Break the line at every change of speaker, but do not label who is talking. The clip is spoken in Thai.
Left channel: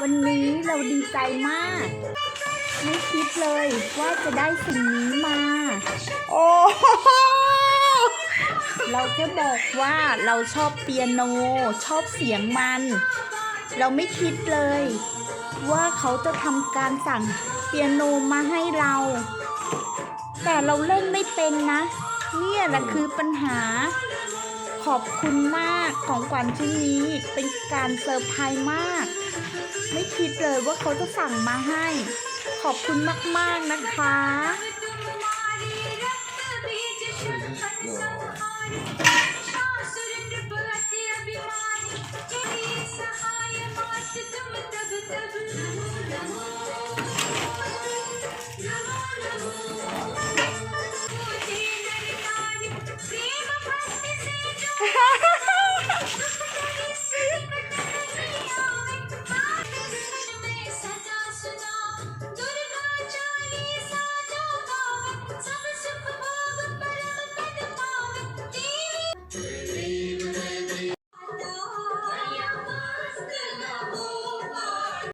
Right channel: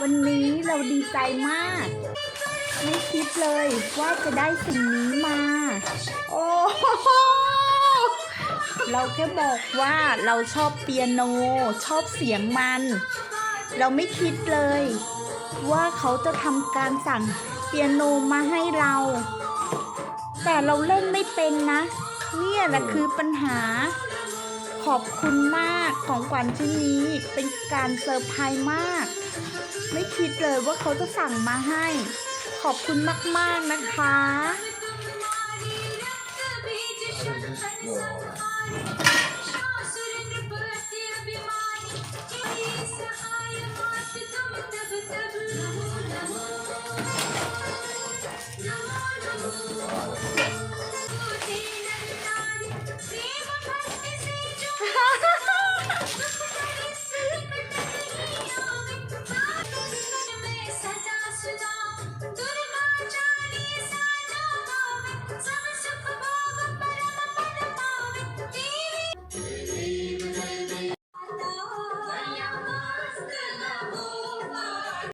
วันนี้เราดีใจมาก ไม่คิดเลยว่าจะได้สิ่งนี้มา โอ้โหเราแค่บอกว่าเราชอบเปียโน ชอบเสียงมัน เราไม่คิดเลย ว่าเขาจะทำการสั่งเปียโนมาให้เรา แต่เราเล่นไม่เป็นนะ เนี่ยแหละคือปัญหา ขอบคุณมากของขวัญชิ้นนี้เป็นการเซอร์ไพรส์มาก ไม่คิดเลยว่าเขาจะสั่งมาให้ ขอบคุณมาก ๆ นะคะ Thank you.